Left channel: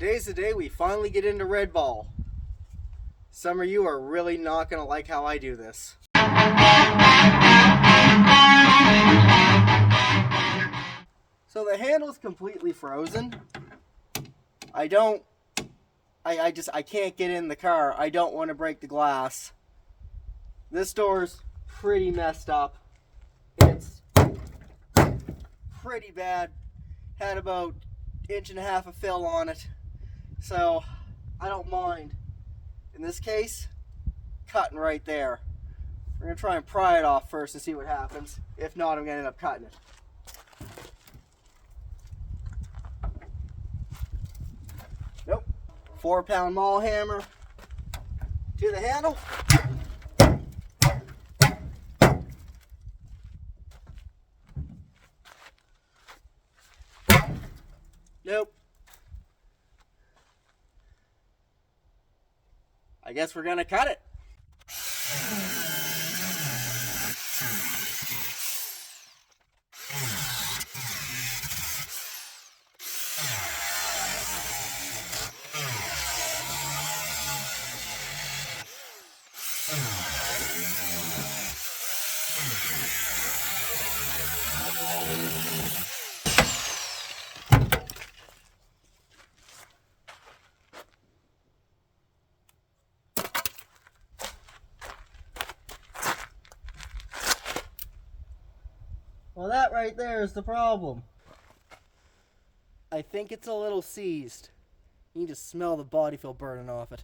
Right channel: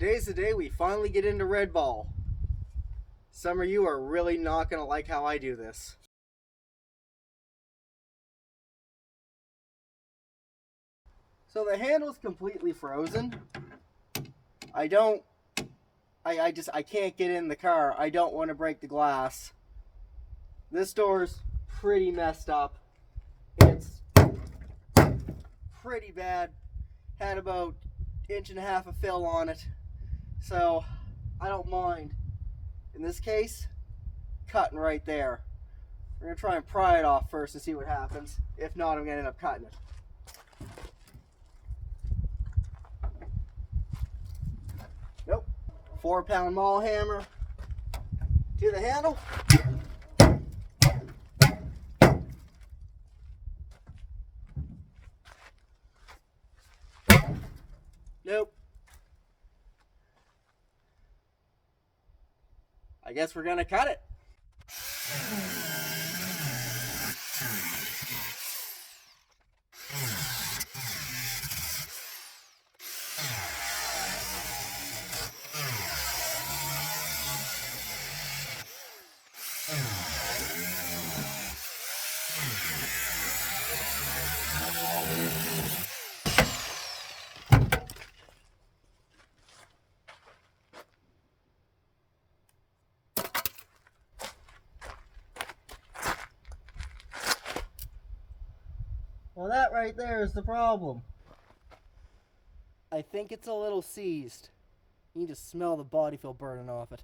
Today's the day we finally get into red ball. Some of you are really not going to like how I do this. So the handle's completely frozen. I can't get in the car. I don't want to break the glass. This door's pretty messed up. It's pretty bad. Had about 1.5 inches of fill on it. So I don't mind. In this case, cutting right there. We're going to try and pry it off first and see what happens. If not, I'm going to end up cutting it. Nope. 4-pound maul hammer to the handle. Nope. I guess we're gonna cut it. Well, that right there is the problem. I think it's a little seized. You need to smell the body feel burning off it.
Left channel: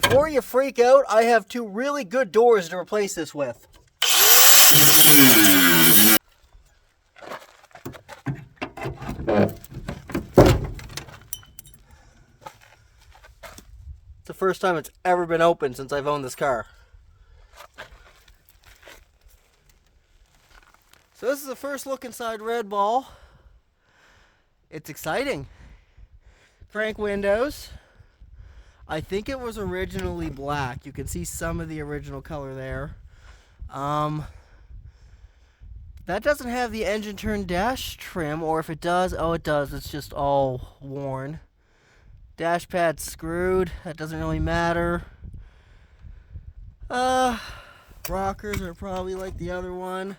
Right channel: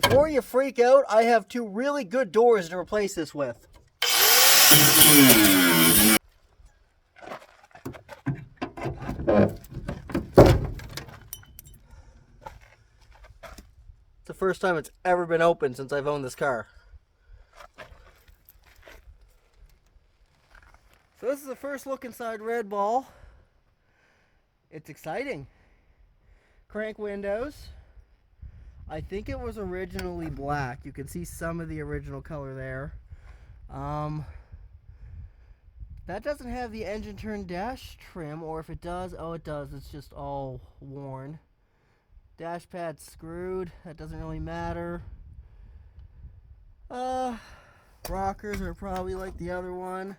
Before you freak out, I have 2 really good doors to replace this with. It's the first time it's ever been opened since I've owned this car. So this is the first look inside Red Ball. It's exciting. Crank windows. I think it was originally black. You can see some of the original color there. That doesn't have the engine turn dash trim, or if it does, oh it does, it's just all worn. Dash pad's screwed, that doesn't really matter. Rockers are probably like the other one.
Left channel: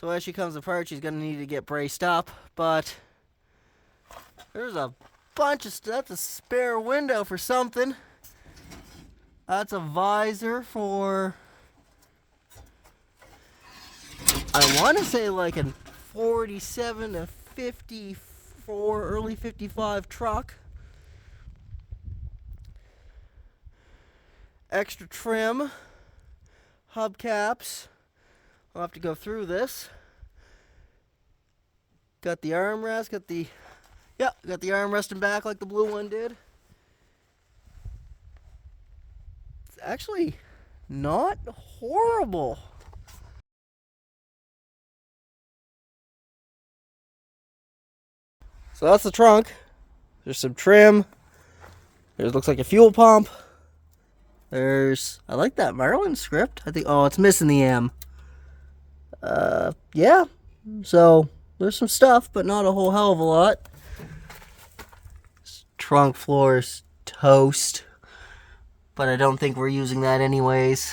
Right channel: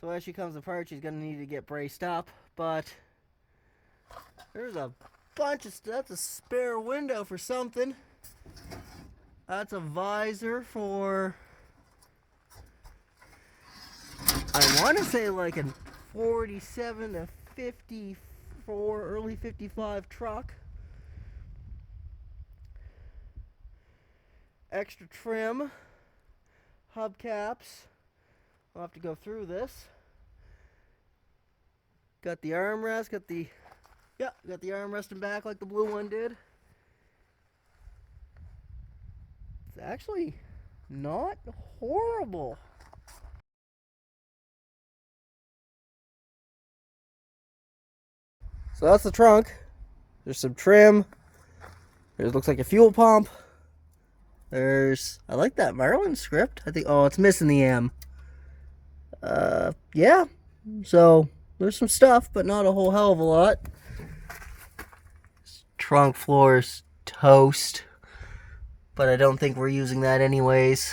So as she comes apart, she's gonna need to get braced up, but there's a bunch of stuff. That's a spare window for something. That's a visor for, I want to say like a 47 to 54, early 55 truck. Extra trim, hubcaps. I'll have to go through this. Got the armrest, got the armrest and back like the blue one did. It's actually not horrible. So that's the trunk. There's some trim. There's looks like a fuel pump. I like that Marlin script. I think, oh, it's missing the M. Yeah. So there's some stuff, but not a whole hell of a lot. Trunk floor's toast, but I don't think we're using that anyways.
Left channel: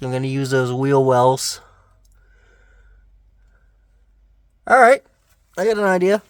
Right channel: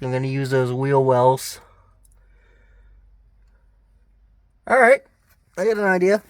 I'm going to use those wheel wells. Alright, I got an idea.